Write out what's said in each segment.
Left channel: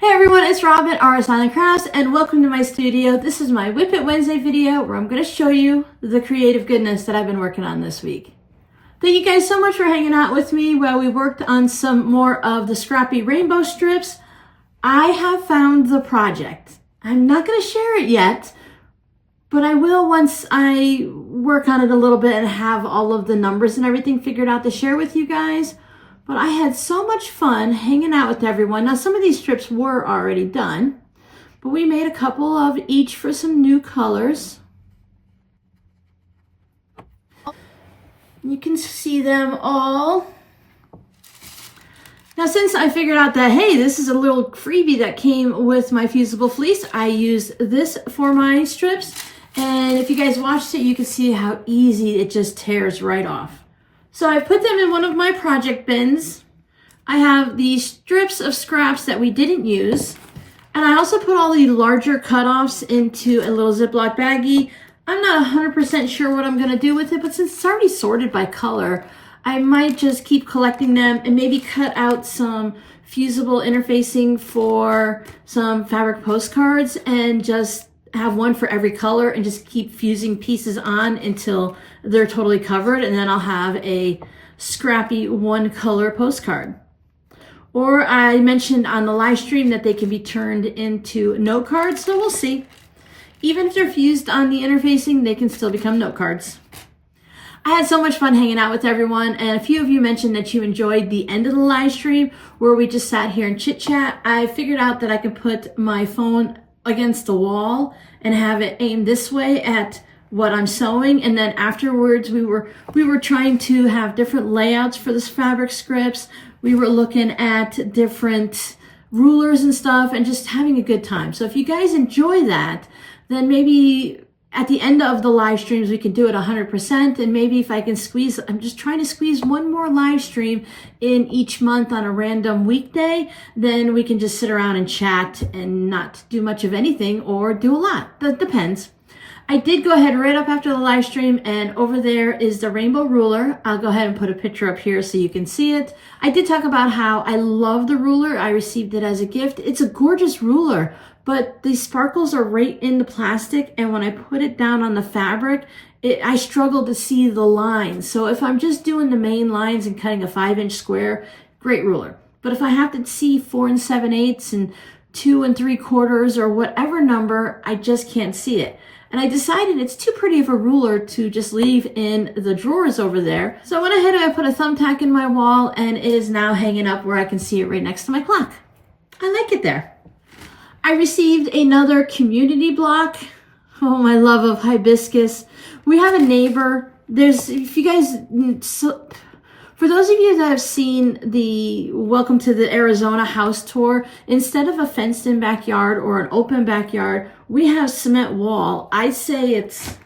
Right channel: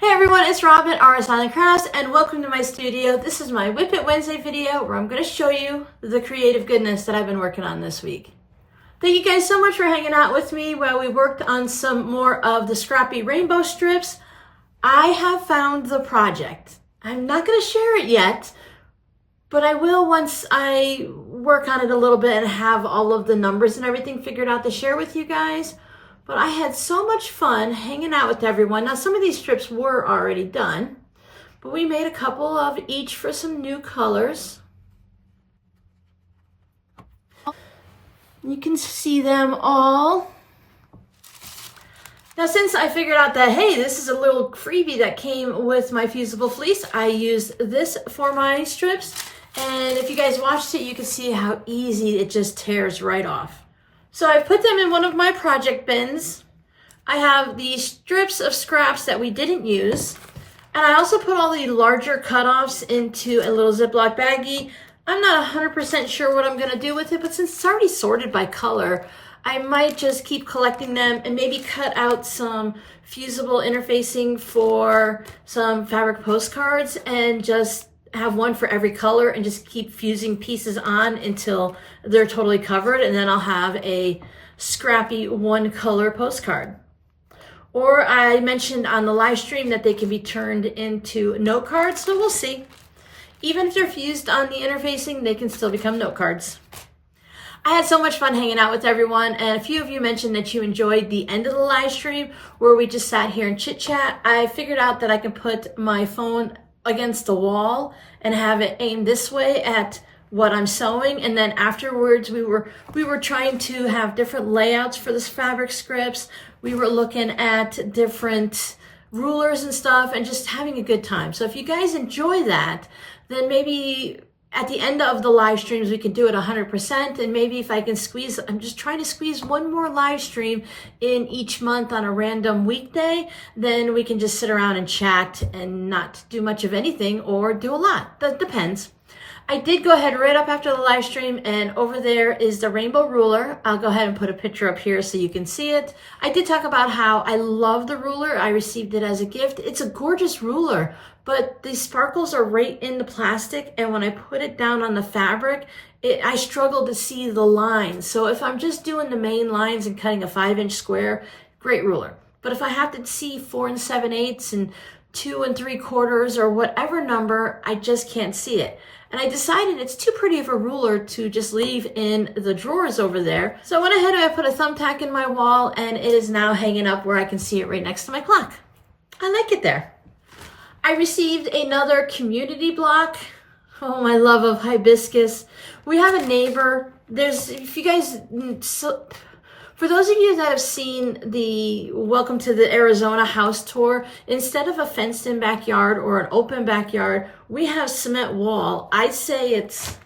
Hey everyone, it's Robin, Artist Island Crafts, and welcome to my studio. This is my Whip It Wednesday video where I'm going to show you the creative goodness that I've been working on this week. Thank you guys so much for hanging out with me while we worked on some more of the Scrappy rainbow strips. I have found the project. I'm not going to share it yet, but I will once I work on it a little bit and have all of the numbers and everything figured out to share with you guys. But I had so much fun hanging out with everyone. Now, some of these strips were already done, but we made a couple of each for some new colors. You can see them all. Now, since I figured out that, hey, this is a little freebie that came with my fusible fleece, I used this for my strips. And if you guys watched it, you can see how easy it just tears right off. So I put them in one of my project bins. I have these strips of scraps that we didn't use. And I also put all the larger cutoffs into a little Ziploc baggie. I'm not 100% sure what I'm gonna do with it, but since it's already sorted by color, I might just keep collecting them and maybe cut out some fusible interfacing for some fabric postcards and just have one for every color and just keep fusing pieces on until they're totally covered, and then I'll have a scrappy one color postcard. Or I mentioned on the live stream that they can be turned into note cards, so we'll see. Even if they're fused on the interfacing, they can still become note cards. I had so much fun hanging out with everyone, and a few of you mentioned that you enjoyed the end of the live stream where we just sat here and chit chat. I figured out that I can put my phone against the wall and have it aimed this way at what I'm sewing, and then afterwards we were trying to have different layouts for the fabric scripts. We were looking at different rulers and stuff and just having a good time. So if you guys enjoy that, then maybe at the end of the live streams we can do it 100%, and maybe if I can squeeze, I'm just trying to squeeze one more live stream in each month on a random weekday, then we can just sit around and chat and not do much of anything or do a lot. That depends. I did go ahead right up after the live stream, and over there is the rainbow ruler. I'll go ahead and put a picture up here so you can see it. I did talk about how I love the ruler. I received it as a gift. It's a gorgeous ruler, but the sparkles are right in the plastic, and when I put it down on the fabric, I struggle to see the lines. So if I'm just doing the main lines and cutting a 5-inch square, great ruler. But if I have to see 4 7/8 and 2 3/4 or whatever number, I just can't see it. And I decided it's too pretty of a ruler to just leave in the drawers over there. So I went ahead and I put a thumbtack in my wall, and it is now hanging up where I can see it right next to my clock. I like it there. I received another community block. Oh, my love of hibiscus. We have a neighbor. If you guys, for those of you that have seen the Welcome to the Arizona house tour, instead of a fenced-in backyard or an open backyard, we have cement wall. I say it's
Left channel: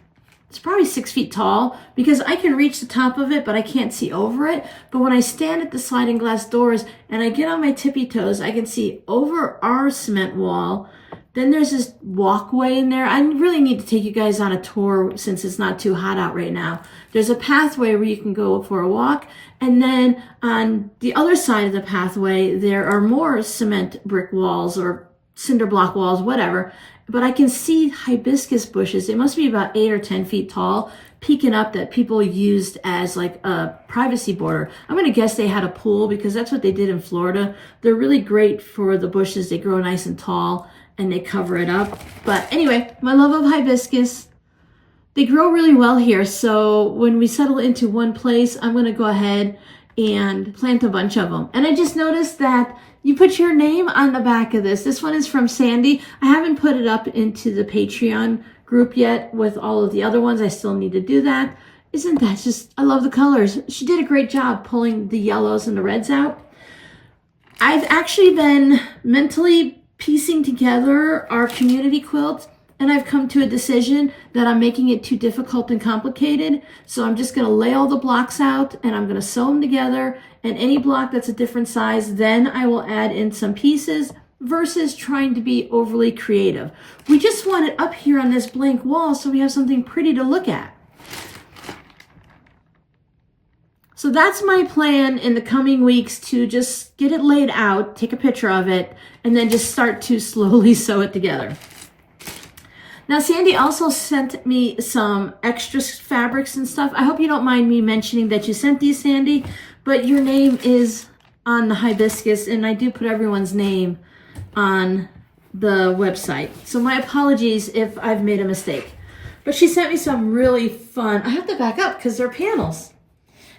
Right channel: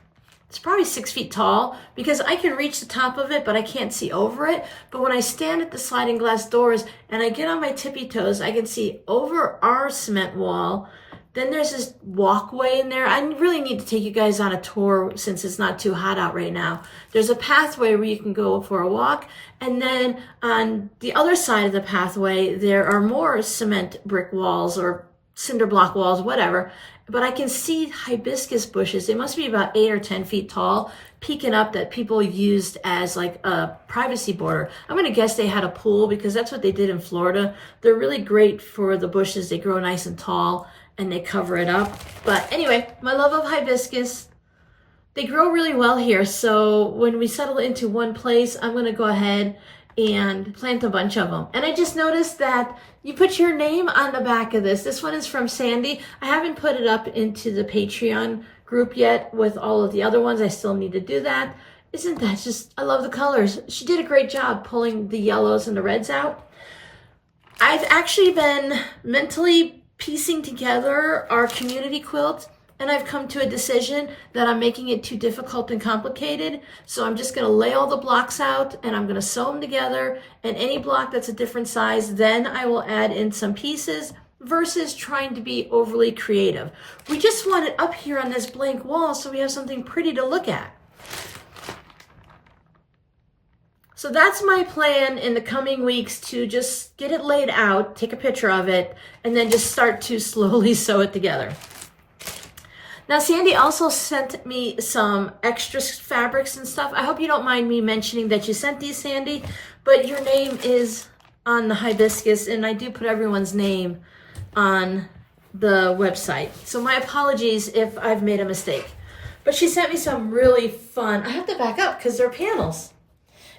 probably 6 feet tall because I can reach the top of it, but I can't see over it. But when I stand at the sliding glass doors and I get on my tippy toes, I can see over our cement wall. Then there's this walkway in there. I really need to take you guys on a tour since it's not too hot out right now. There's a pathway where you can go for a walk. And then on the other side of the pathway, there are more cement brick walls or cinder block walls, whatever. But I can see hibiscus bushes. It must be about 8 or 10 feet tall, peeking up, that people used as like a privacy border. I'm going to guess they had a pool because that's what they did in Florida. They're really great for the bushes. They grow nice and tall and they cover it up. But anyway, my love of hibiscus. They grow really well here, so when we settle into one place, I'm going to go ahead and plant a bunch of them. And I just noticed that you put your name on the back of this. This one is from Sandy. I haven't put it up into the Patreon group yet with all of the other ones. I still need to do that. Isn't that just, I love the colors. She did a great job pulling the yellows and the reds out. I've actually been mentally piecing together our community quilt, and I've come to a decision that I'm making it too difficult and complicated. So I'm just going to lay all the blocks out and I'm going to sew them together. And any block that's a different size, then I will add in some pieces versus trying to be overly creative. We just want it up here on this blank wall so we have something pretty to look at. So that's my plan in the coming weeks, to just get it laid out, take a picture of it, and then just start to slowly sew it together. Now, Sandy also sent me some extra fabrics and stuff. I hope you don't mind me mentioning that you sent these, Sandy, but your name is on the Hibiscus, and I do put everyone's name on the website. So my apologies if I've made a mistake. But she sent me some really fun, I have to back up because they're panels.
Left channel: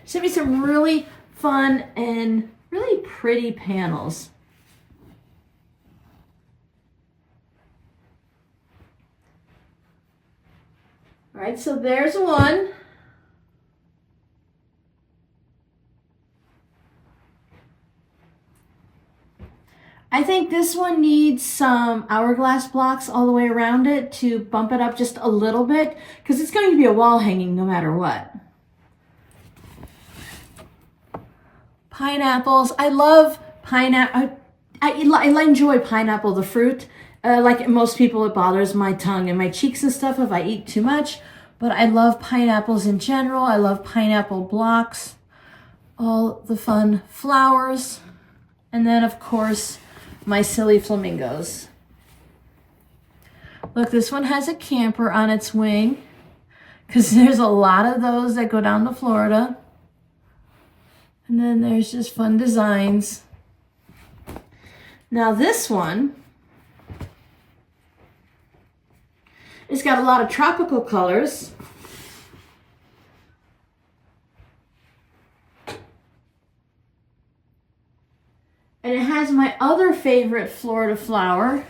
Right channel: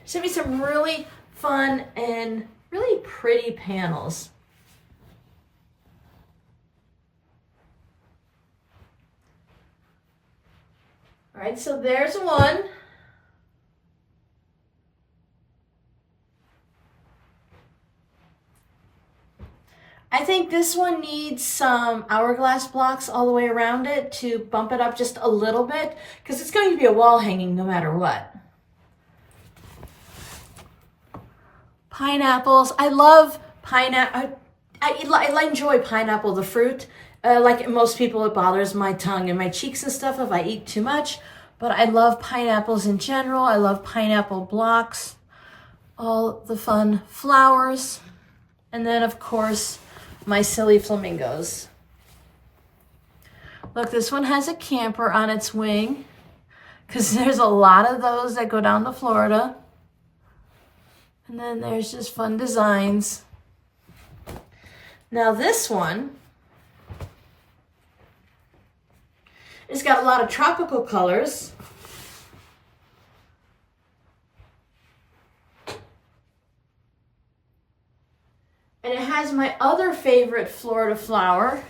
She sent me some really fun and really pretty panels. All right, so there's one. I think this one needs some hourglass blocks all the way around it to bump it up just a little bit, because it's going to be a wall hanging no matter what. Pineapples. I love pineapple. I enjoy pineapple, the fruit. Like most people, it bothers my tongue and my cheeks and stuff if I eat too much. But I love pineapples in general. I love pineapple blocks. All the fun flowers. And then, of course, my silly flamingos. Look, this one has a camper on its wing, because there's a lot of those that go down to Florida. And then there's just fun designs. Now this one, it's got a lot of tropical colors. And it has my other favorite Florida flower.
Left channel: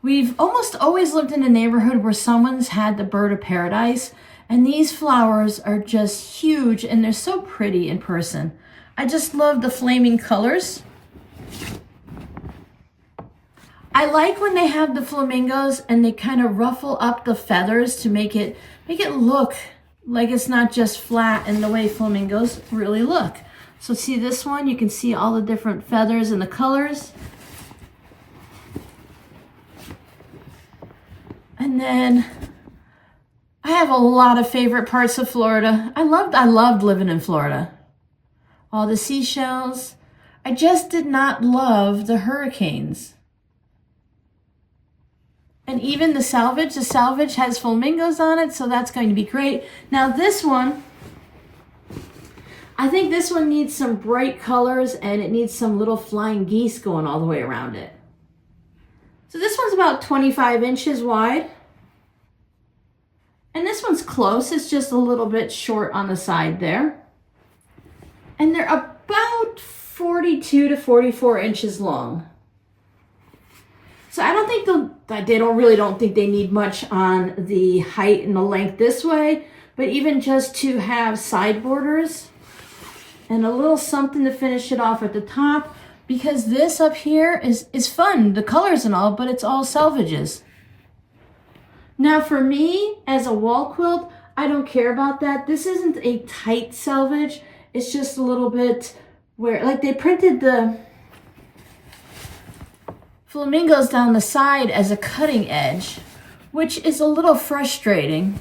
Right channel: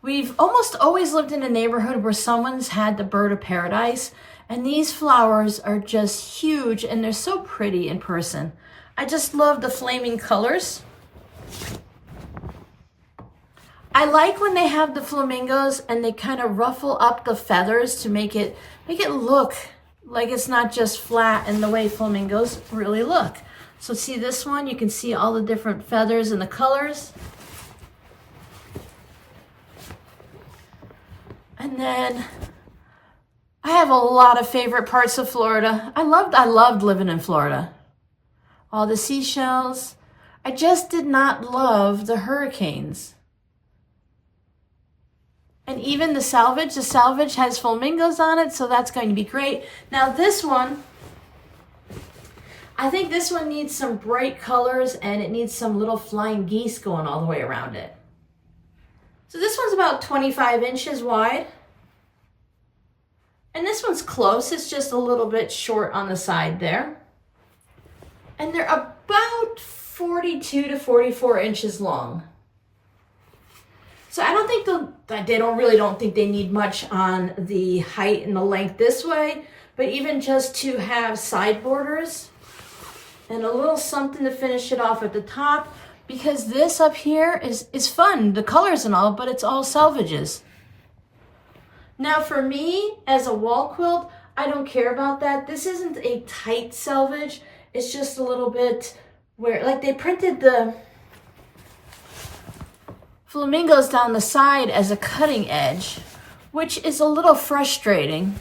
We've almost always lived in a neighborhood where someone's had the bird of paradise, and these flowers are just huge and they're so pretty in person. I just love the flaming colors. I like when they have the flamingos and they kind of ruffle up the feathers to make it look like it's not just flat and the way flamingos really look. So see this one, you can see all the different feathers and the colors. And then I have a lot of favorite parts of Florida. I loved living in Florida. All the seashells. I just did not love the hurricanes. And even the salvage has flamingos on it, so that's going to be great. Now this one, I think this one needs some bright colors, and it needs some little flying geese going all the way around it. So this one's about 25 inches wide. And this one's close, it's just a little bit short on the side there. And they're about 42 to 44 inches long. So I don't think don't think they need much on the height and the length this way, but even just to have side borders and a little something to finish it off at the top, because this up here is fun, the colors and all, but it's all selvages. Now for me, as a wall quilt, I don't care about that. This isn't a tight selvage. It's just a little bit where, like, they printed the flamingos down the side as a cutting edge, which is a little frustrating,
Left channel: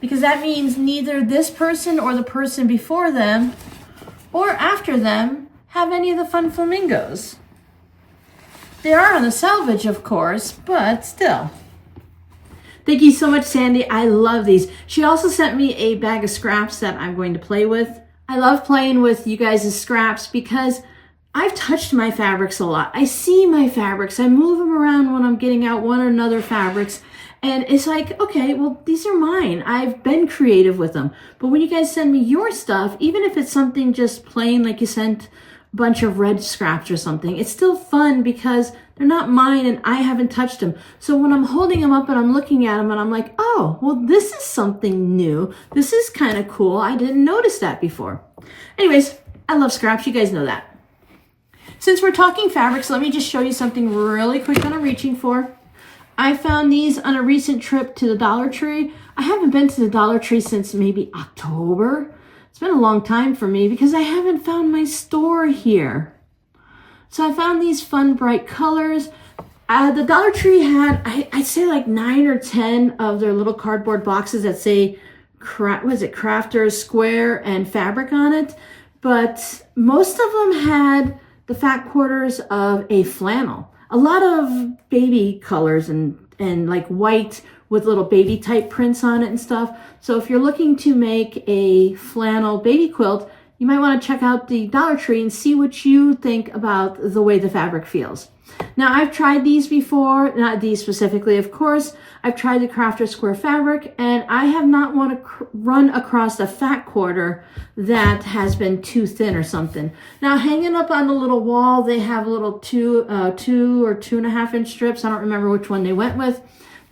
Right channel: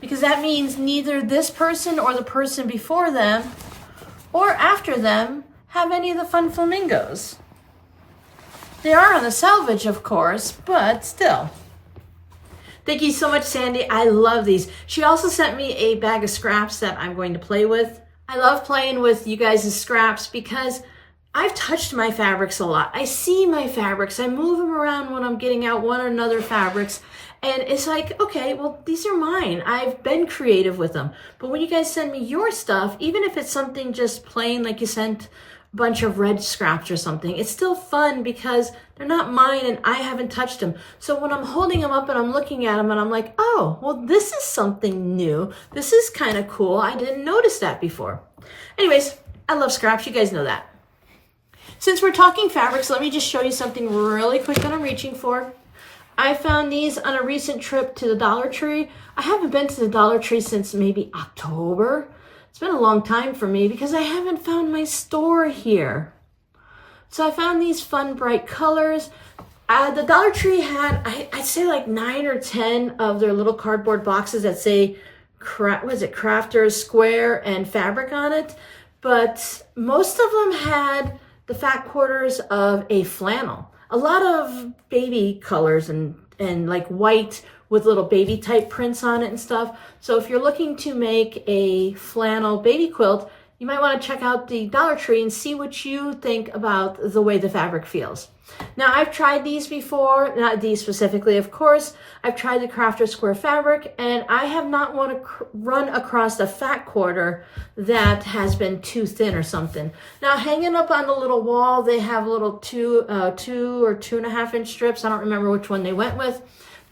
because that means neither this person or the person before them or after them have any of the fun flamingos. They are on the selvage, of course, but still. Thank you so much, Sandy. I love these. She also sent me a bag of scraps that I'm going to play with. I love playing with you guys' scraps because I've touched my fabrics a lot. I see my fabrics. I move them around when I'm getting out one or another fabrics. And it's like, okay, well, these are mine. I've been creative with them. But when you guys send me your stuff, even if it's something just plain, like you sent a bunch of red scraps or something, it's still fun because they're not mine and I haven't touched them. So when I'm holding them up and I'm looking at them and I'm like, oh, well, this is something new. This is kind of cool. I didn't notice that before. Anyways, I love scraps. You guys know that. Since we're talking fabrics, let me just show you something really quick that I'm reaching for. I found these on a recent trip to the Dollar Tree. I haven't been to the Dollar Tree since maybe October. It's been a long time for me because I haven't found my store here. So I found these fun, bright colors. The Dollar Tree had, I'd say like 9 or 10 of their little cardboard boxes that say Crafter square and fabric on it, but most of them had the fat quarters of a flannel. A lot of baby colors and like white with little baby type prints on it and stuff. So if you're looking to make a flannel baby quilt, you might want to check out the Dollar Tree and see what you think about the way the fabric feels. Now, I've tried these before, not these specifically, of course. I've tried the Crafter Square fabric, and I have not want to run across a fat quarter that has been too thin or something. Now, hanging up on the little wall, they have little 2 or 2.5 inch strips. I don't remember which one they went with.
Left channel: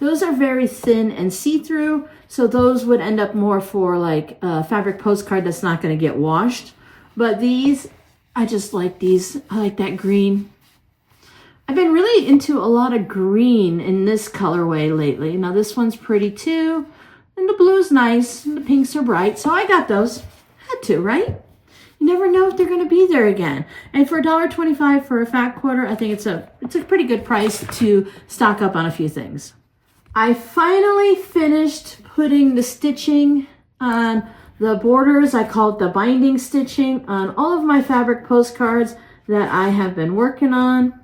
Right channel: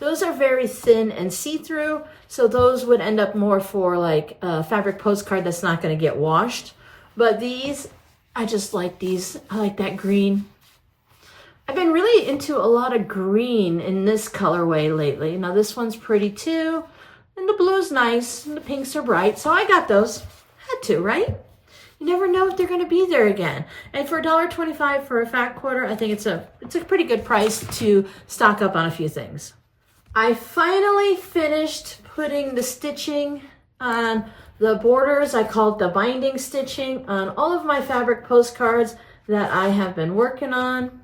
Those are very thin and see-through, so those would end up more for like a fabric postcard that's not going to get washed. But these, I just like these. I like that green. I've been really into a lot of green in this colorway lately. Now this one's pretty too, and the blue's nice, and the pinks are bright, so I got those. Had to, right? You never know if they're going to be there again. And for $1.25 for a fat quarter, I think it's a pretty good price to stock up on a few things. I finally finished putting the stitching on the borders. I call it the binding stitching on all of my fabric postcards that I have been working on.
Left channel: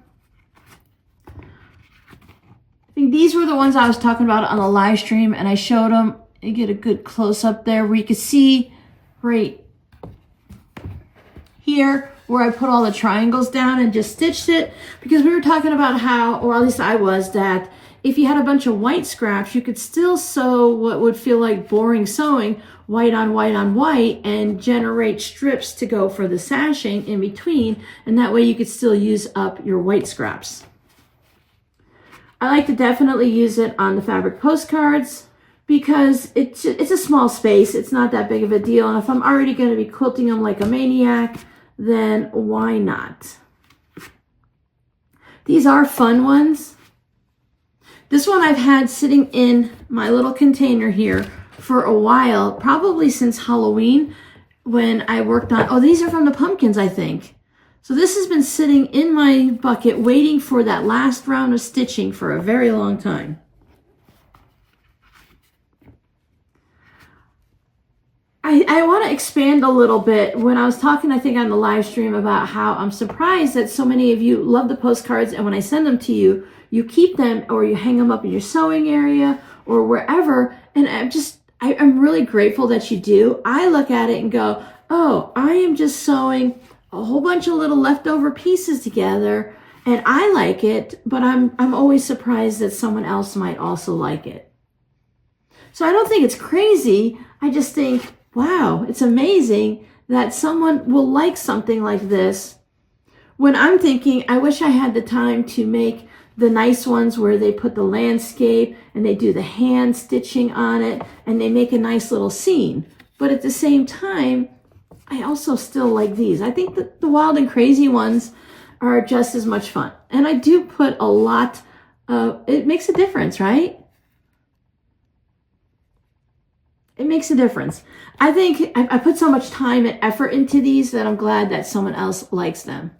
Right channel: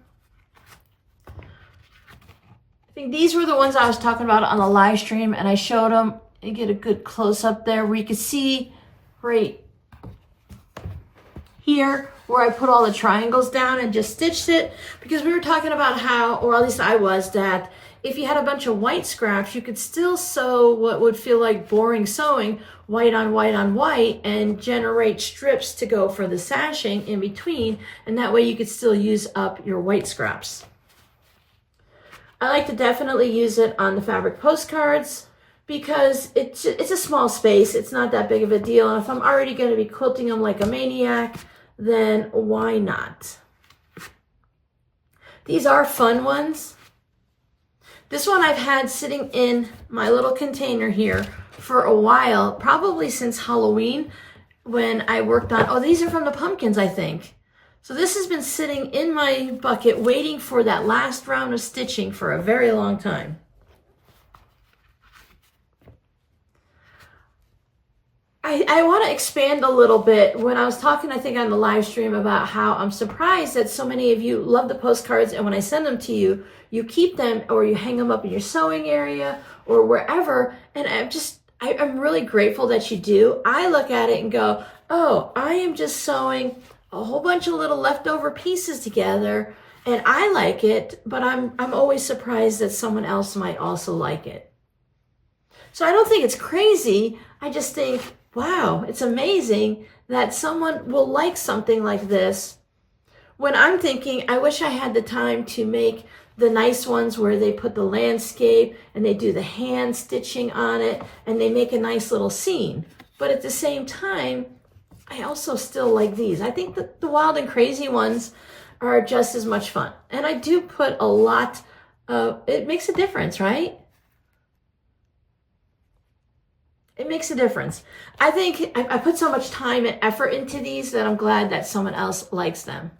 I think these were the ones I was talking about on the live stream, and I showed them. You get a good close up there where you can see right here where I put all the triangles down and just stitched it, because we were talking about how, or at least I was, that if you had a bunch of white scraps, you could still sew what would feel like boring sewing, white on white on white, and generate strips to go for the sashing in between, and that way you could still use up your white scraps. I like to definitely use it on the fabric postcards because it's a small space. It's not that big of a deal. And if I'm already going to be quilting them like a maniac, then why not? These are fun ones. This one I've had sitting in my little container here for a while, probably since Halloween when I worked on, oh, these are from the pumpkins, I think. So this has been sitting in my bucket waiting for that last round of stitching for a very long time. I want to expand a little bit. When I was talking, I think on the live stream, about how I'm surprised that so many of you love the postcards, and when I send them to you, you keep them or you hang them up in your sewing area or wherever. And I'm really grateful that you do. I look at it and go, oh, I am just sewing a whole bunch of little leftover pieces together, and I like it, but I'm always surprised that someone else might also like it. So I don't think it's crazy. I just think, wow, it's amazing that someone will like something like this, when I'm thinking, I wish I had the time to make the nice ones where they put the landscape and they do the hand stitching on it and they make a nice little scene. But at the same time, I also still like these. I think that the wild and crazy ones are just as much fun. And I do put a lot of, it makes a difference, right? It makes a difference. I think I put so much time and effort into these that I'm glad that someone else likes them.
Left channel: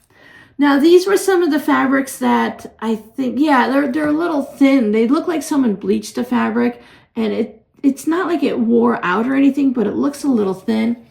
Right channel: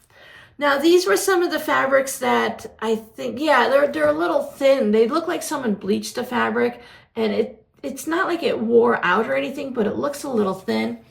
Now, these were some of the fabrics that I think, yeah, they're a little thin. They look like someone bleached the fabric, and it's not like it wore out or anything, but it looks a little thin.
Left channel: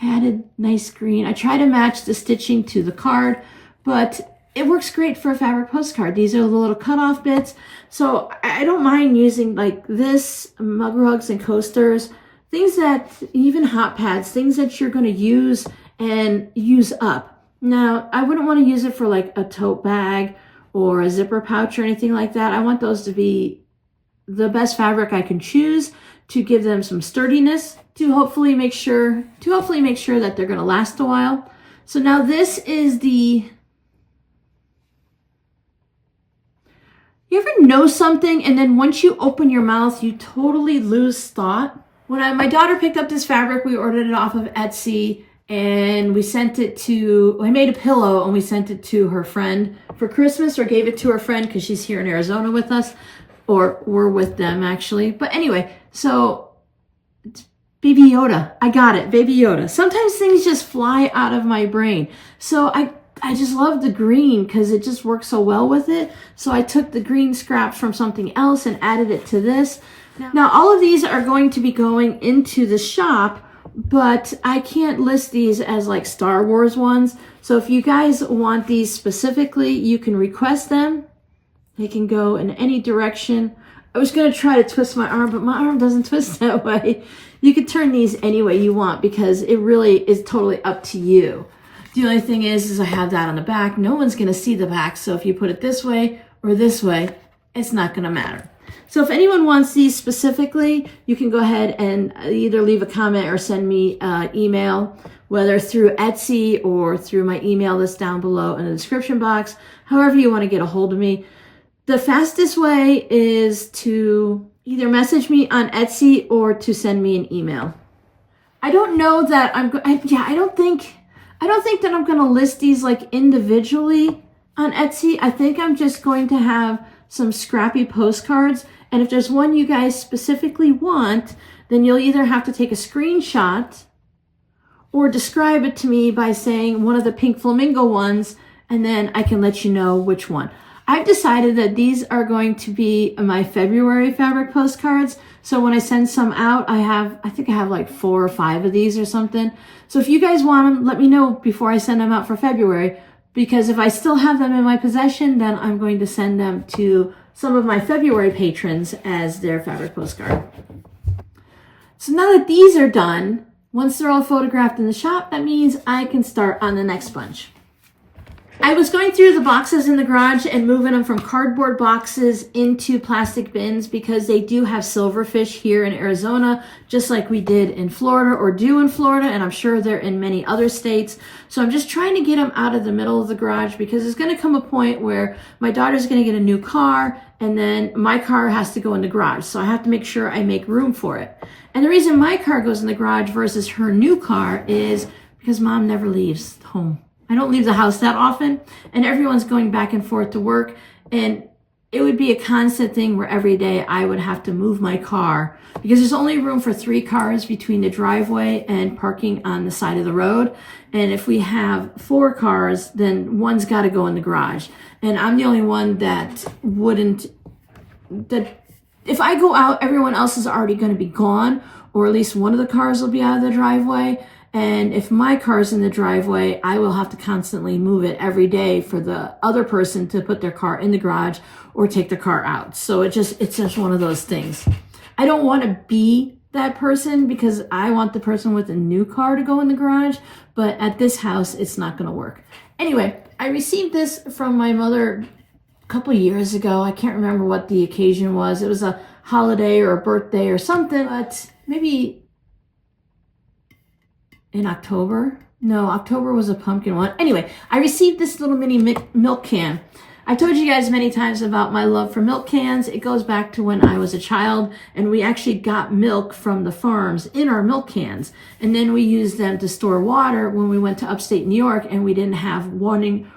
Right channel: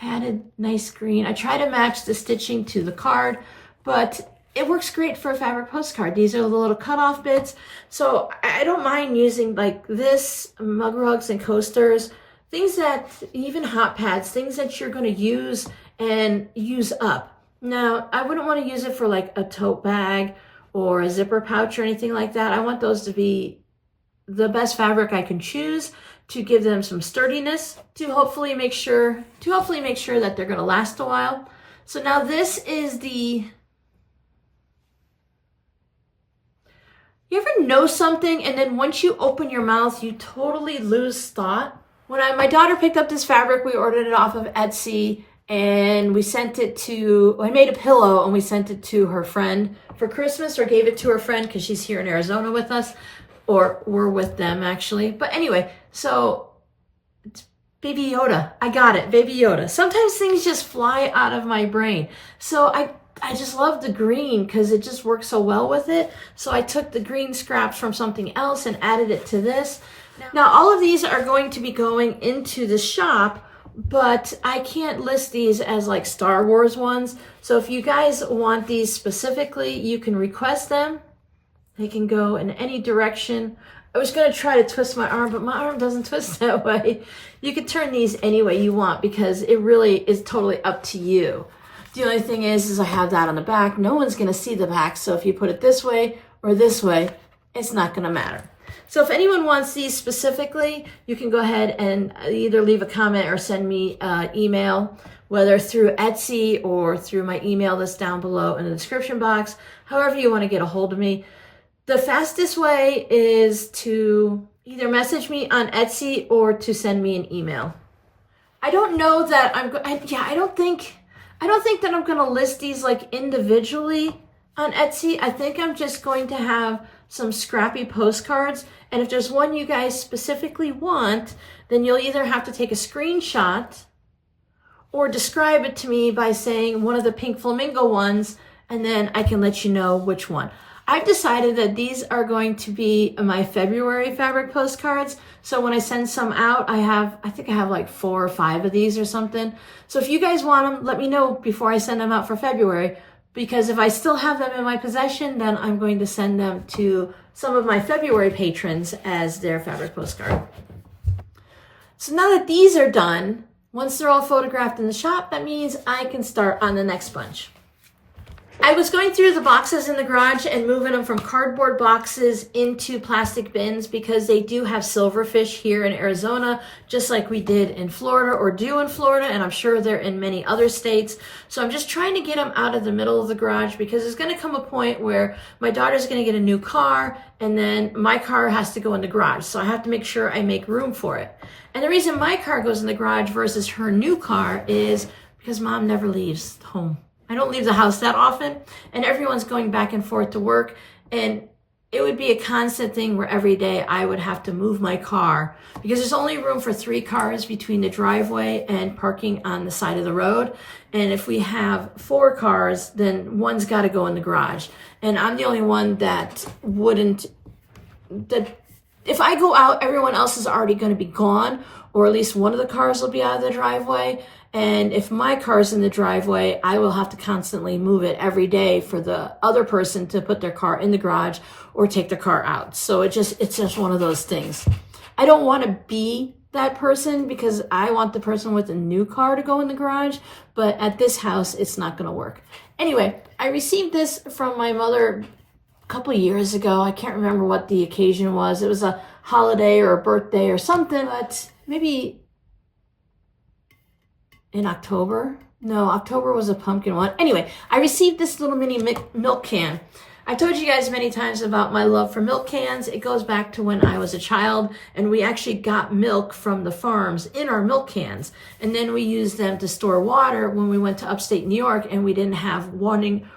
I added nice green. I try to match the stitching to the card, but it works great for a fabric postcard. These are the little cutoff bits. So I don't mind using like this, mug rugs and coasters, things that, even hot pads, things that you're going to use and use up. Now, I wouldn't want to use it for like a tote bag or a zipper pouch or anything like that. I want those to be the best fabric I can choose to give them some sturdiness, to hopefully make sure that they're going to last a while. So now this is the, you ever know something and then once you open your mouth, you totally lose thought? When my daughter picked up this fabric, we ordered it off of Etsy, and we sent it to, I made a pillow and we sent it to her friend for Christmas, or gave it to her friend because she's here in Arizona with us, or we're with them actually. But anyway, so it's Baby Yoda. I got it, Baby Yoda. Sometimes things just fly out of my brain. So I just love the green because it just works so well with it. So I took the green scraps from something else and added it to this. Now all of these are going to be going into the shop, but I can't list these as like Star Wars ones. So if you guys want these specifically, you can request them. They can go in any direction. I was going to try to twist my arm, but my arm doesn't twist that way. You can turn these any way you want because it really is totally up to you. The only thing is I have that on the back. No one's going to see the back. So if you put it this way or this way, it's not going to matter. So if anyone wants these specifically, you can go ahead and either leave a comment or send me an email, whether through Etsy or through my email list down below in the description box, however you want to get a hold of me. The fastest way is to either message me on Etsy or to send me an email. I don't know that I don't think that I'm going to list these like individually on Etsy. I think I'm just going to have some Scrappy postcards. And if there's one you guys specifically want, then you'll either have to take a screenshot or describe it to me by saying one of the pink flamingo ones, and then I can let you know which one. I've decided that these are going to be my February fabric postcards. So when I send some out, I think I have like 4 or 5 of these or something. So if you guys want them, let me know before I send them out for February, because if I still have them in my possession, then I'm going to send them to some of my February patrons as their fabric postcard. So now that these are done, once they're all photographed in the shop, that means I can start on the next bunch. I was going through the boxes in the garage and moving them from cardboard boxes into plastic bins because they do have silverfish here in Arizona, just like we did in Florida or do in Florida, and I'm sure they're in many other states. So I'm just trying to get them out of the middle of the garage because there's going to come a point where my daughter's going to get a new car and then my car has to go in the garage. So I have to make sure I make room for it. And the reason my car goes in the garage versus her new car is because Mom never leaves home. I don't leave the house that often, and everyone's going back and forth to work, and it would be a constant thing where every day I would have to move my car because there's only room for 3 cars between the driveway and parking on the side of the road. And if we have 4 cars, then one's got to go in the garage. And I'm the only one that if I go out, everyone else is already going to be gone, or at least one of the cars will be out of the driveway. And if my car's in the driveway, I will have to constantly move it every day for the other person to put their car in the garage or take the car out. So it's just one of those things. I don't want to be that person because I want the person with a new car to go in the garage, but at this house, it's not going to work. Anyway, I received this from my mother a couple of years ago. I can't remember what the occasion was. It was a holiday or a birthday or something, but maybe in October. No, October was a pumpkin one. Anyway, I received this little mini milk can. I told you guys many times about my love for milk cans. It goes back to when I was a child, and we actually got milk from the farms in our milk cans. And then we used them to store water when we went to upstate New York and we didn't have running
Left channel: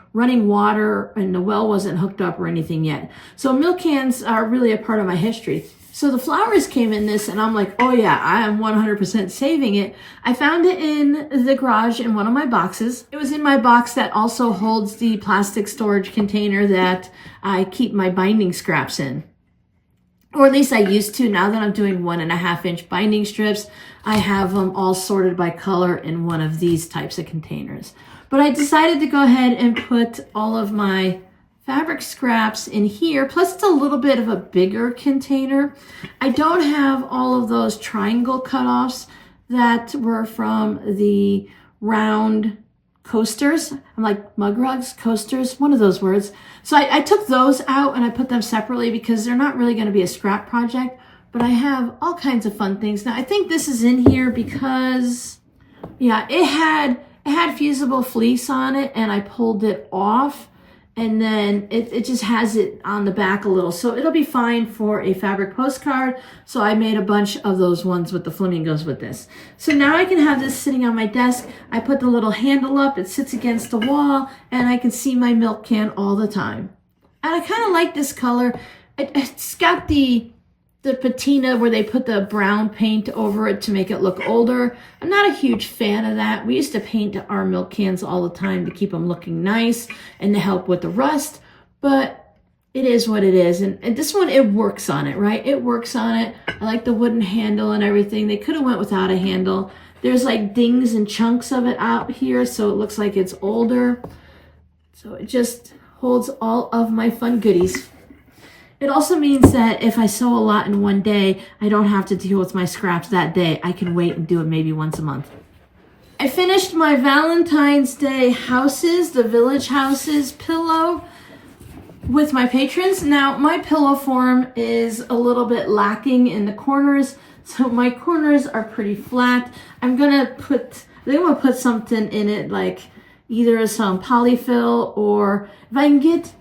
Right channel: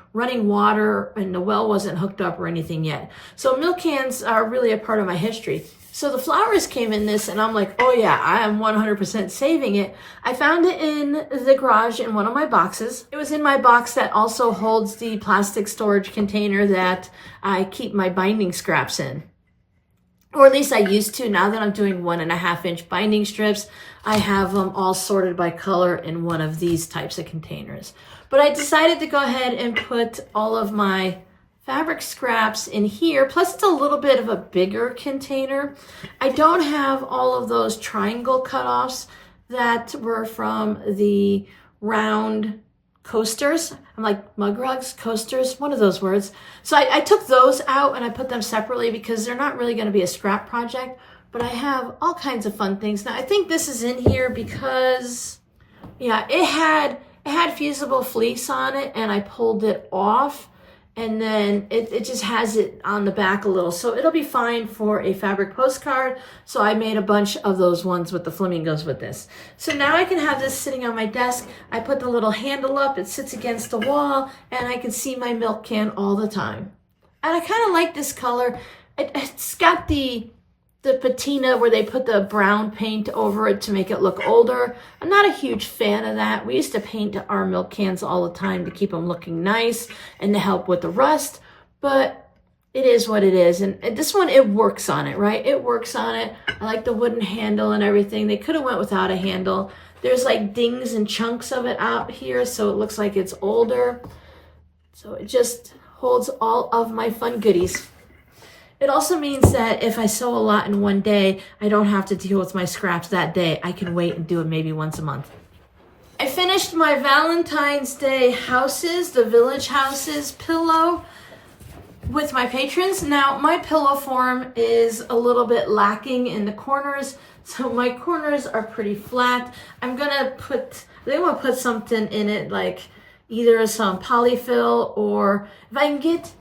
water and the well wasn't hooked up or anything yet. So milk cans are really a part of my history. So the flowers came in this, and I'm like, oh yeah, I am 100% saving it. I found it in the garage in one of my boxes. It was in my box that also holds the plastic storage container that I keep my binding scraps in. Or at least I used to. Now that I'm doing 1.5-inch binding strips, I have them all sorted by color in one of these types of containers. But I decided to go ahead and put all of my fabric scraps in here, plus it's a little bit of a bigger container. I don't have all of those triangle cutoffs that were from the round coasters. I'm like mug rugs, coasters, one of those words. So I took those out and I put them separately because they're not really going to be a scrap project, but I have all kinds of fun things. Now I think this is in here because, yeah, it had fusible fleece on it and I pulled it off. And then it just has it on the back a little. So it'll be fine for a fabric postcard. So I made a bunch of those ones with the flamingos with this. So now I can have this sitting on my desk. I put the little handle up. It sits against the wall. And I can see my milk can all the time. And I kind of like this color. It's got the patina where they put the brown paint over it to make it look older. I'm not a huge fan of that. We used to paint our milk cans all the time to keep them looking nice and to help with the rust. But it is what it is. And this one, it works on it, right? It works on it. I like the wooden handle and everything. They could have went without a handle. There's like dings and chunks of it out here, so it looks like it's older. So it just holds all of my fun goodies. It also means that if I sew a lot in one day, I don't have to deal with my scraps that day. I can wait and do it maybe once a month. I finished my Valentine's Day houses, the village houses pillow with my patrons. Now my pillow form is a little bit lacking in the corners, so my corners are pretty flat. I'm gonna put something in it, like either some polyfill, or if I can get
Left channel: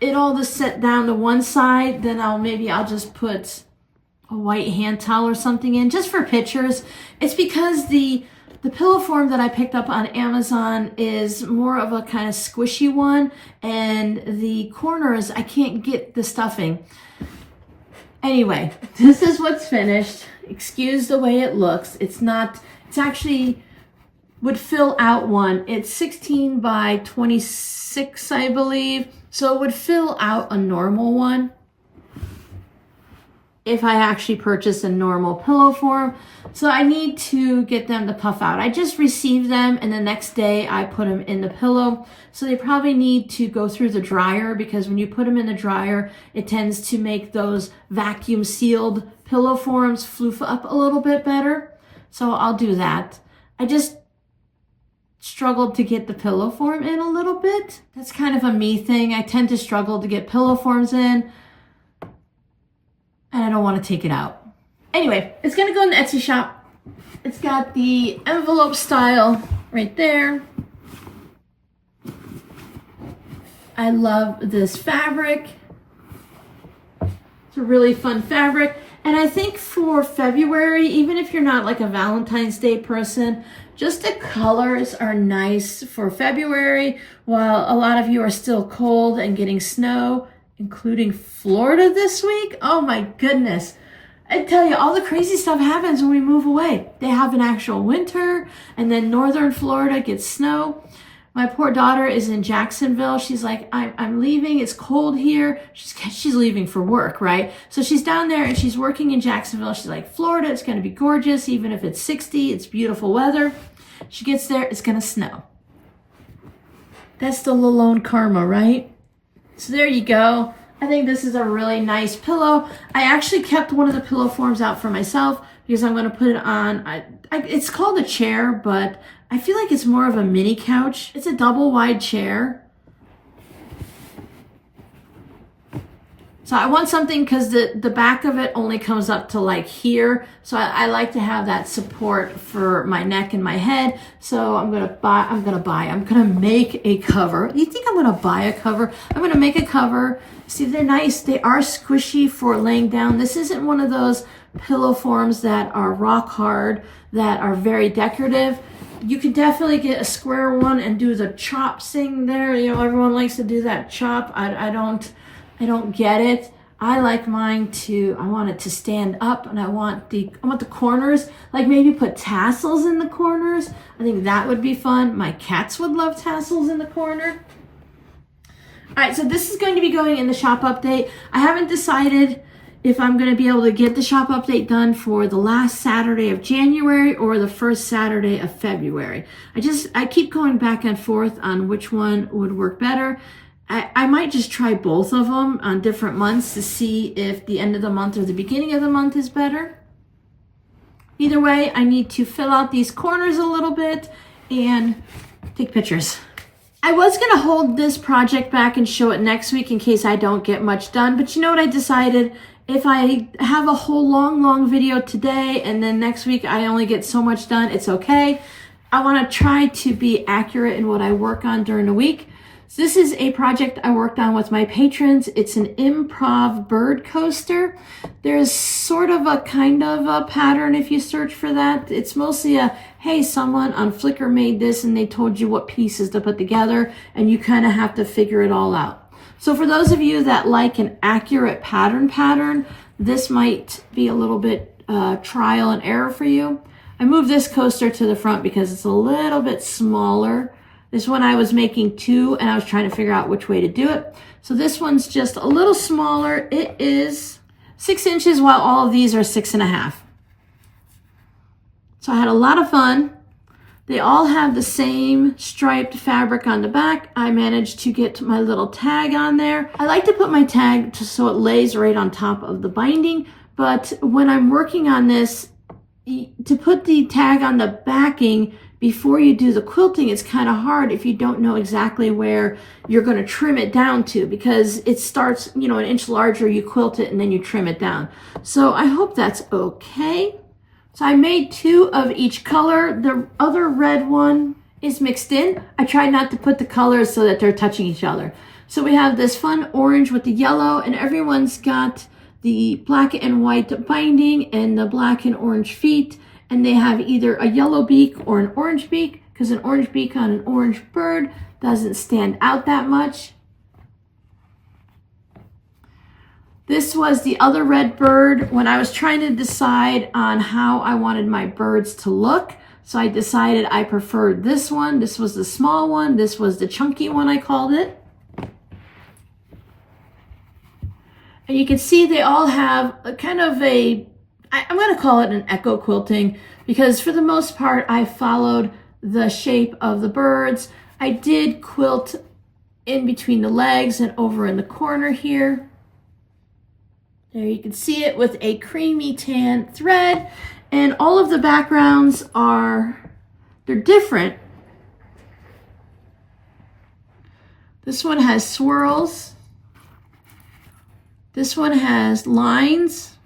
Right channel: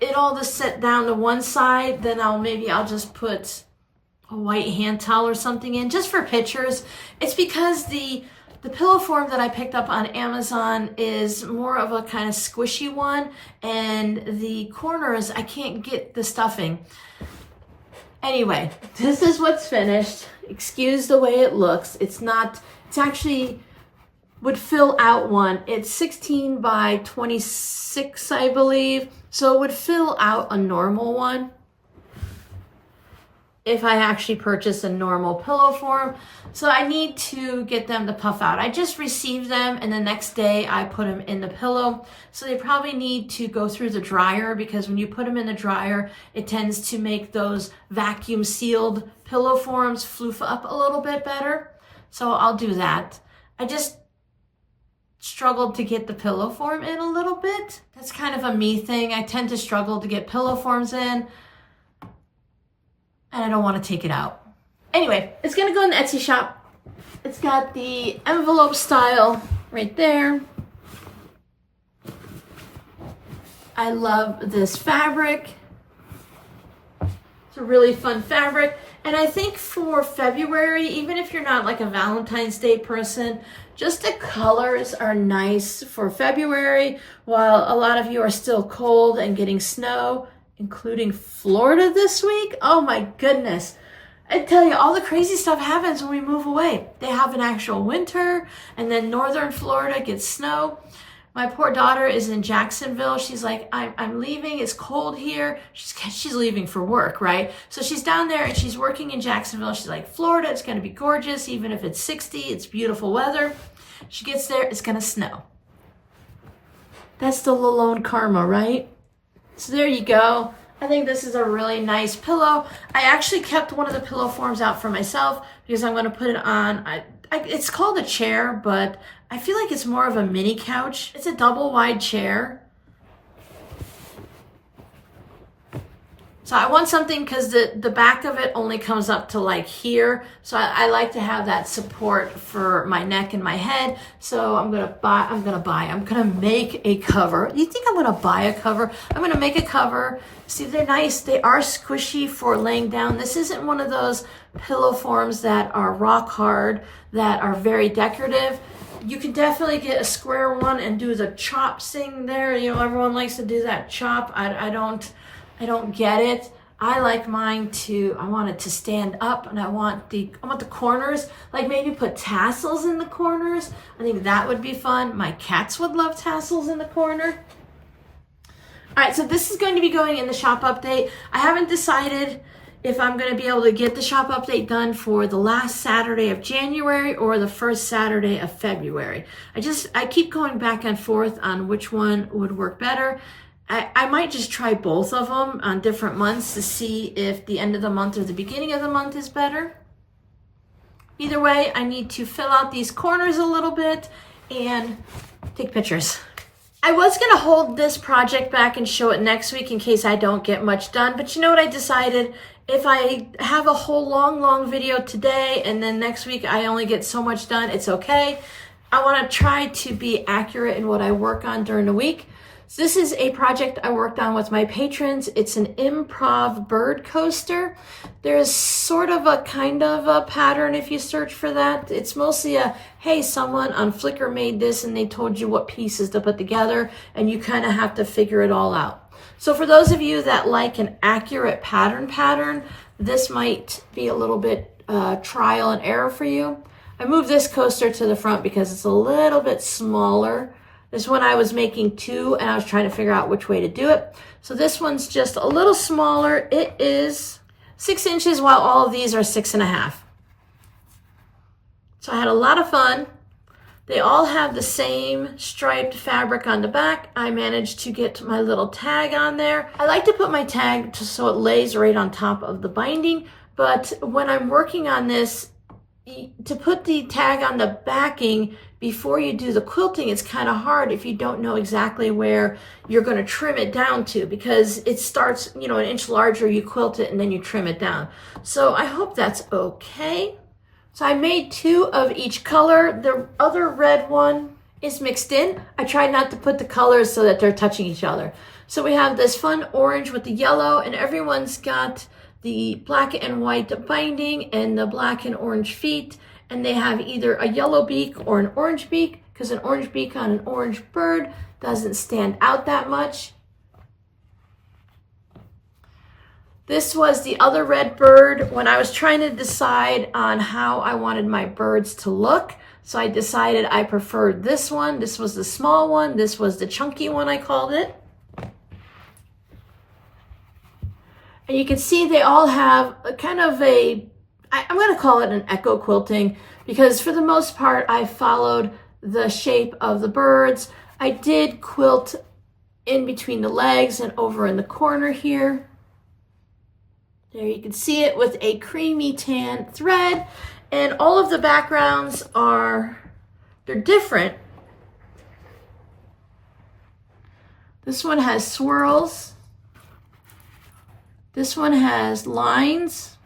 it all to set down to one side, then I'll just put a white hand towel or something in just for pictures. It's because the pillow form that I picked up on Amazon is more of a kind of squishy one, and the corners, I can't get the stuffing. Anyway, this is what's finished. Excuse the way it looks. It's actually would fill out one. It's 16 by 26, I believe. So it would fill out a normal one if I actually purchase a normal pillow form. So I need to get them to puff out. I just received them, and the next day I put them in the pillow. So they probably need to go through the dryer, because when you put them in the dryer, it tends to make those vacuum sealed pillow forms floof up a little bit better. So I'll do that. I just struggled to get the pillow form in a little bit. That's kind of a me thing. I tend to struggle to get pillow forms in, and I don't want to take it out. Anyway, it's gonna go in the Etsy shop. It's got the envelope style right there. I love this fabric. It's a really fun fabric. And I think for February, even if you're not like a Valentine's Day person, just the colors are nice for February, while a lot of you are still cold and getting snow, including Florida this week. Oh my goodness. I tell you, all the crazy stuff happens when we move away. They have an actual winter, and then northern Florida gets snow. My poor daughter is in Jacksonville. She's like, I'm leaving. It's cold here. She's leaving for work, right? So she's down there and she's working in Jacksonville. She's like, Florida, it's going to be gorgeous. Even if it's 60, it's beautiful weather. She gets there, it's going to snow. That's the Lalone karma, right? So there you go. I think this is a really nice pillow. I actually kept one of the pillow forms out for myself because I'm going to put it on. It's called a chair, but I feel like it's more of a mini couch. It's a double wide chair. So I want something because the back of it only comes up to like here. So I like to have that support for my neck and my head. So I'm gonna make a cover. You think I'm gonna buy a cover? I'm gonna make a cover. See, they're nice. They are squishy for laying down. This isn't one of those pillow forms that are rock hard, that are very decorative. You could definitely get a square one and do the chop thing there. You know, everyone likes to do that chop. I don't get it. I like mine I want it to stand up, and I want the corners, like maybe put tassels in the corners. I think that would be fun. My cats would love tassels in the corner. All right, so this is going to be going in the shop update. I haven't decided if I'm going to be able to get the shop update done for the last Saturday of January or the first Saturday of February. I keep going back and forth on which one would work better. I might just try both of them on different months to see if the end of the month or the beginning of the month is better. Either way, I need to fill out these corners a little bit and take pictures. I was going to hold this project back and show it next week in case I don't get much done, but you know what I decided? If I have a whole long video today and then next week I only get so much done, it's okay. I want to try to be accurate in what I work on during the week. So this is a project I worked on with my patrons. It's an Improv bird coaster. There's sort of a kind of a pattern if you search for that. It's mostly hey, someone on Flickr made this and they told you what pieces to put together, and you kind of have to figure it all out. So for those of you that like an accurate pattern, this might be a little bit trial and error for you. I moved this coaster to the front because it's a little bit smaller This one I was making 2 and I was trying to figure out which way to do it. So this one's just a little smaller. It is 6 inches while all of these are 6.5. So I had a lot of fun. They all have the same striped fabric on the back. I managed to get my little tag on there. I like to put my tag so it lays right on top of the binding, but when I'm working on this, to put the tag on the backing before you do the quilting, it's kind of hard if you don't know exactly where you're going to trim it down to, because it starts, you know, an inch larger, you quilt it and then you trim it down. So I hope that's okay. So I made 2 of each color. The other red one is mixed in. I tried not to put the colors so that they're touching each other. So we have this fun orange with the yellow, and everyone's got the black and white binding and the black and orange feet. And they have either a yellow beak or an orange beak, because an orange beak on an orange bird doesn't stand out that much. This was the other red bird when I was trying to decide on how I wanted my birds to look. So I decided I preferred this one. This was the small one. This was the chunky one, I called it. And you can see they all have a kind of a, I'm going to call it an echo quilting, because for the most part, I followed the shape of the birds. I did quilt in between the legs and over in the corner here. There you can see it with a creamy tan thread, and all of the backgrounds they're different. This one has swirls. This one has lines.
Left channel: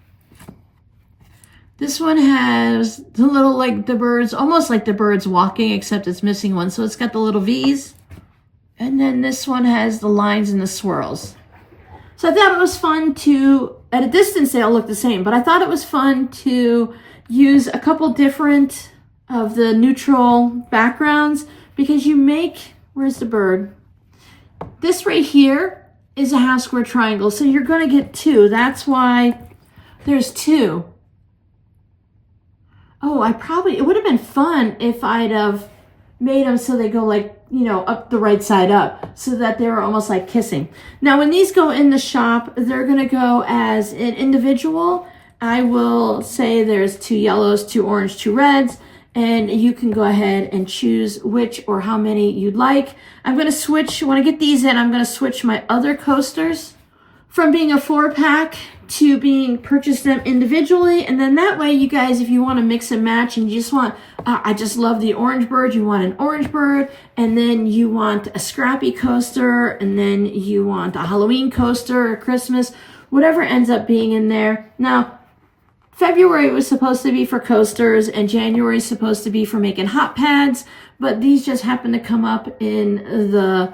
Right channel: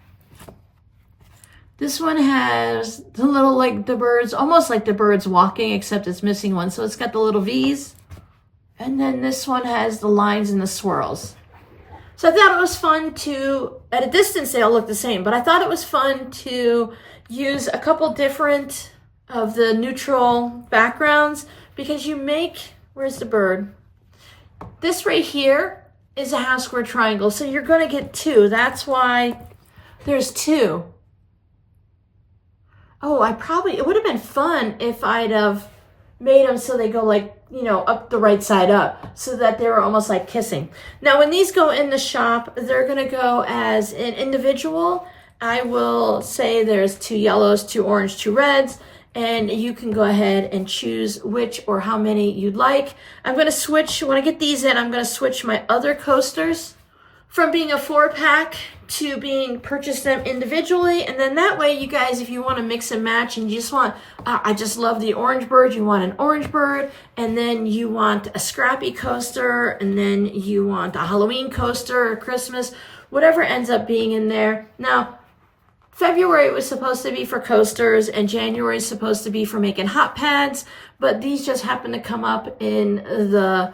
This one has the little, like the birds, almost like the birds walking, except it's missing one. So it's got the little V's. And then this one has the lines and the swirls. So I thought it was fun to, at a distance they all look the same, but I thought it was fun to use a couple different of the neutral backgrounds, because you make, where's the bird? This right here is a half square triangle, so you're gonna get 2. That's why there's 2. Oh, it would have been fun if I'd have made them so they go like, you know, up the right side up, so that they were almost like kissing. Now, when these go in the shop, they're gonna go as an individual. I will say there's 2 yellows, 2 orange, 2 reds, and you can go ahead and choose which or how many you'd like. I'm gonna switch, when I get these in, I'm gonna switch my other coasters from being a 4-pack to being purchase them individually. And then that way, you guys, if you want to mix and match and you just want, I just love the orange bird, you want an orange bird, and then you want a Scrappy coaster, and then you want a Halloween coaster or Christmas, whatever ends up being in there. Now, February was supposed to be for coasters and January is supposed to be for making hot pads, but these just happen to come up in the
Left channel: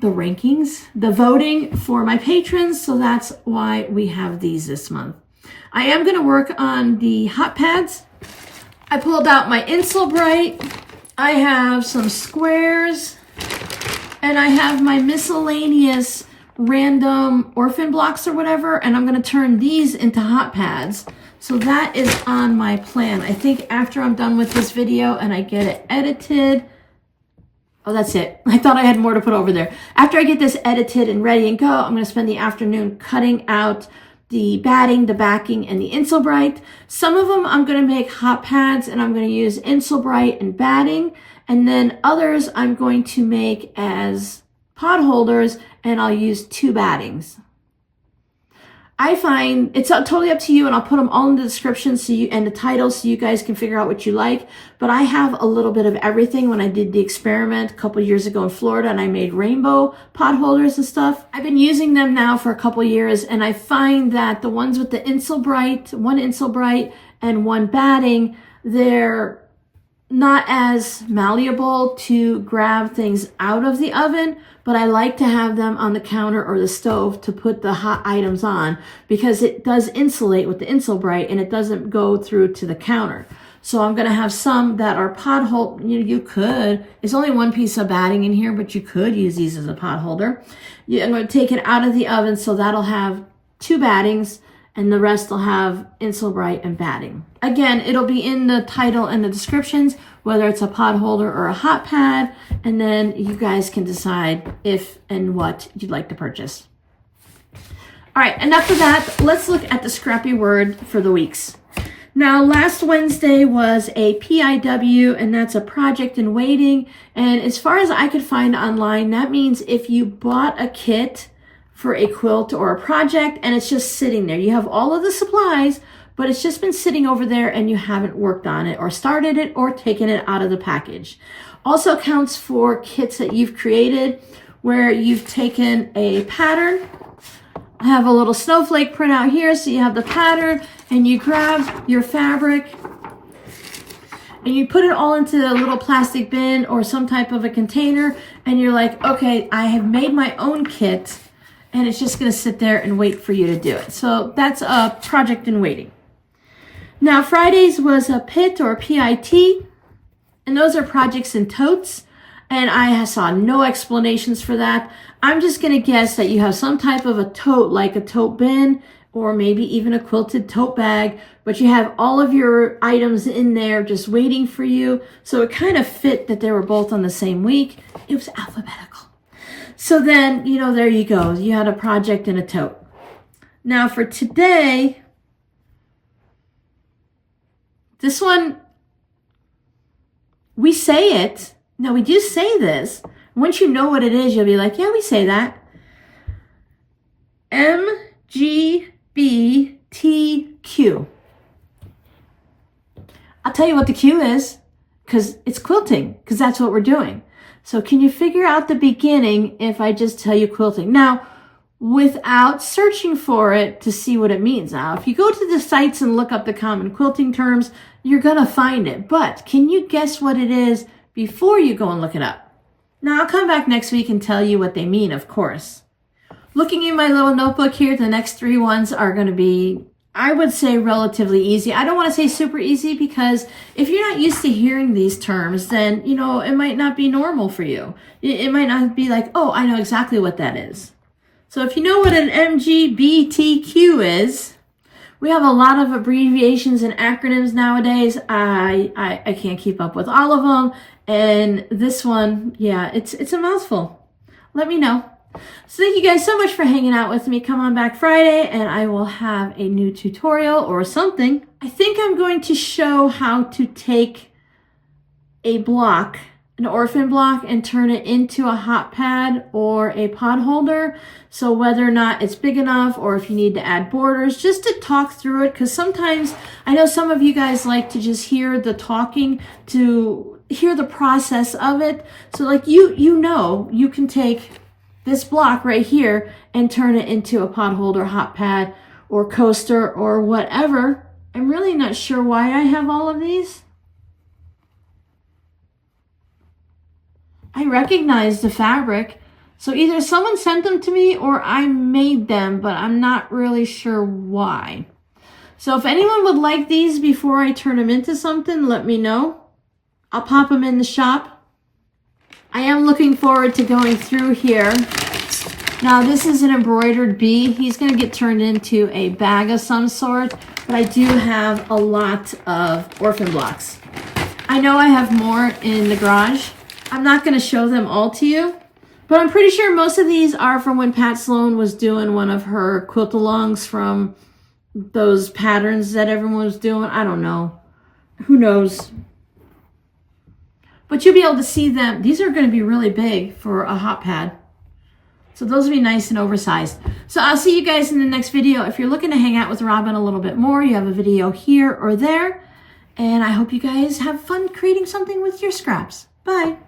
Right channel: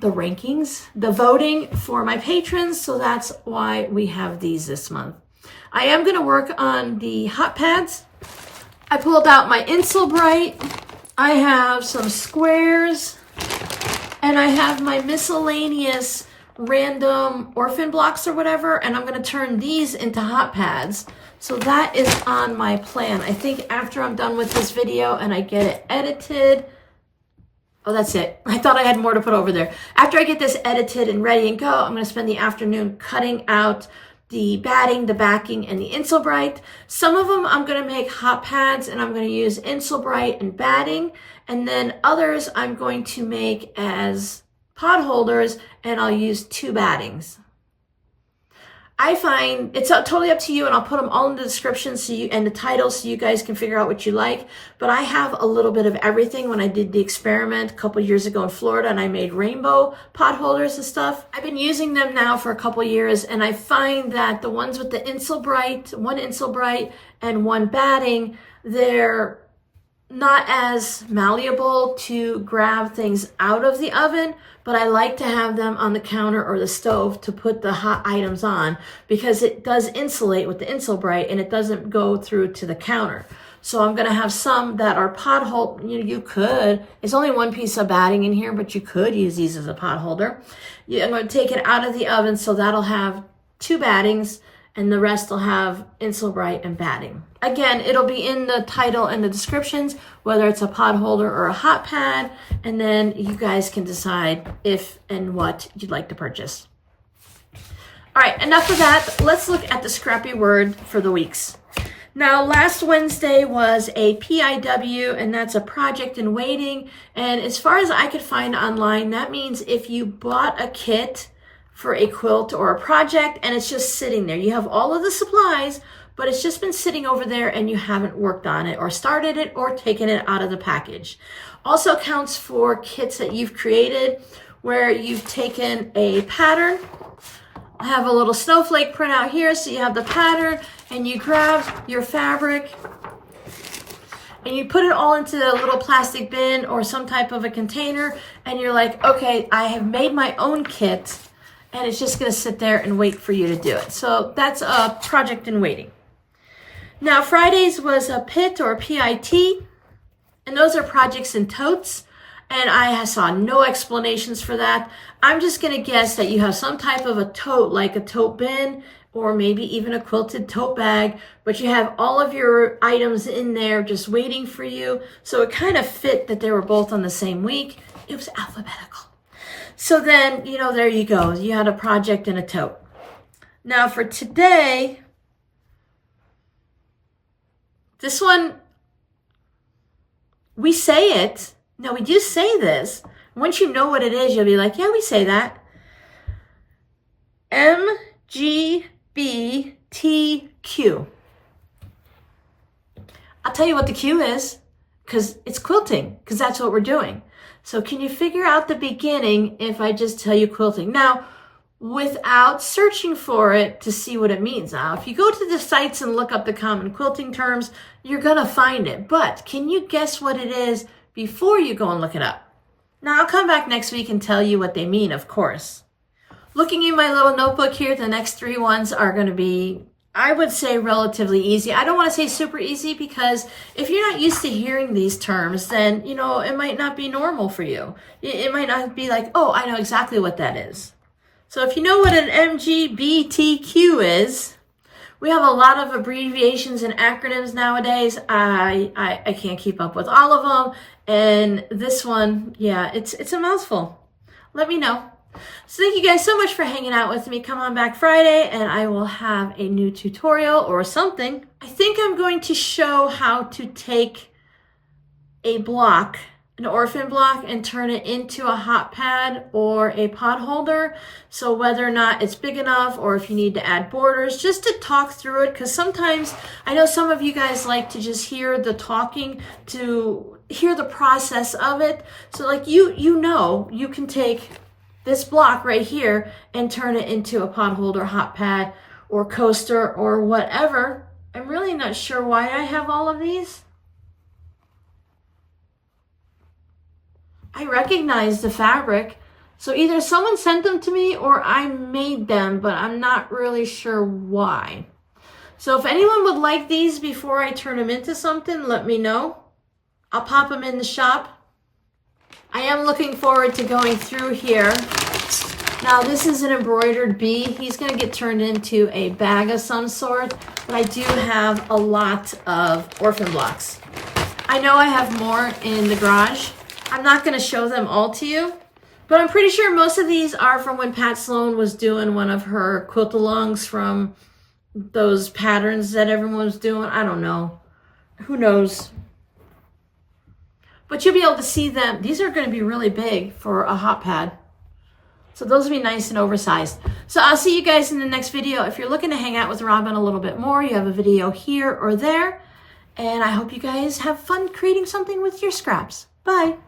rankings, the voting for my patrons, so that's why we have these this month. I am going to work on the hot pads. I pulled out my Insulbright, I have some squares, and I have my miscellaneous random orphan blocks or whatever, and I'm going to turn these into hot pads. So that is on my plan. I think after I'm done with this video and I get it edited, oh, that's it. I thought I had more to put over there. After I get this edited and ready and go, I'm going to spend the afternoon cutting out the batting, the backing, and the Insulbright. Some of them I'm going to make hot pads and I'm going to use Insulbright and batting. And then others I'm going to make as pod holders and I'll use 2 battings. I find it's totally up to you, and I'll put them all in the description and the title so you guys can figure out what you like. But I have a little bit of everything. When I did the experiment a couple years ago in Florida and I made rainbow pot holders and stuff, I've been using them now for a couple years, and I find that the ones with the Insulbright, 1 Insulbright and 1 batting, they're not as malleable to grab things out of the oven, but I like to have them on the counter or the stove to put the hot items on, because it does insulate with the Insulbright and it doesn't go through to the counter. So I'm going to have some that are pot hold. You could, it's only 1 piece of batting in here, but you could use these as a pot holder. I'm going to take it out of the oven, so that'll have 2 battings and the rest will have Insulbright and batting. Again, it'll be in the title and the descriptions whether it's a pot holder or a hot pad, and then you guys can decide if and what you'd like to purchase. All right, enough of that. Let's look at the Scrappy word for the weeks. Now, last Wednesday was a PIW, and that's a project in waiting. And as far as I could find online, that means if you bought a kit for a quilt or a project and it's just sitting there, you have all of the supplies, but it's just been sitting over there and you haven't worked on it or started it or taken it out of the package. Also counts for kits that you've created where you've taken a pattern. I have a little snowflake print out here, so you have the pattern and you grab your fabric and you put it all into a little plastic bin or some type of a container, and you're like, okay, I have made my own kit and it's just gonna sit there and wait for you to do it. So that's a project in waiting. Now, Fridays was a PIT or PIT, and those are projects in totes, and I saw no explanations for that. I'm just gonna guess that you have some type of a tote, like a tote bin, or maybe even a quilted tote bag, but you have all of your items in there just waiting for you. So it kind of fit that they were both on the same week. It was alphabetical. So then, you know, there you go. You had a project and a tote. Now for today, this one, we say it. Now we do say this. Once you know what it is, you'll be like, yeah, we say that. MGBTQ. I'll tell you what the Q is, because it's quilting, because that's what we're doing. So can you figure out the beginning if I just tell you quilting? Now, without searching for it to see what it means. Now, if you go to the sites and look up the common quilting terms, you're going to find it. But can you guess what it is before you go and look it up? Now, I'll come back next week and tell you what they mean, of course. Looking in my little notebook here, the next 3 ones are going to be, I would say, relatively easy. I don't want to say super easy because if you're not used to hearing these terms, then, you know, it might not be normal for you. It might not be like, oh, I know exactly what that is. So if you know what an MGBTQ is, we have a lot of abbreviations and acronyms nowadays. I can't keep up with all of them. And this one, yeah, it's a mouthful. Let me know. So thank you guys so much for hanging out with me. Come on back Friday and I will have a new tutorial or something. I think I'm going to show how to take a block, an orphan block, and turn it into a hot pad or a pot holder. So whether or not it's big enough or if you need to add borders, just to talk through it. Because sometimes I know some of you guys like to just hear the talking, to hear the process of it. So like you know, you can take this block right here and turn it into a pot holder, hot pad, or coaster, or whatever. I'm really not sure why I have all of these. I recognize the fabric. So either someone sent them to me or I made them, but I'm not really sure why. So if anyone would like these before I turn them into something, let me know. I'll pop them in the shop. I am looking forward to going through here. Now this is an embroidered bee. He's going to get turned into a bag of some sort, but I do have a lot of orphan blocks. I know I have more in the garage. I'm not going to show them all to you, but I'm pretty sure most of these are from when Pat Sloan was doing one of her quilt-alongs from those patterns that everyone was doing. I don't know. Who knows? But you'll be able to see them. These are going to be really big for a hot pad. So those will be nice and oversized. So I'll see you guys in the next video. If you're looking to hang out with Robin a little bit more, you have a video here or there. And I hope you guys have fun creating something with your scraps. Bye.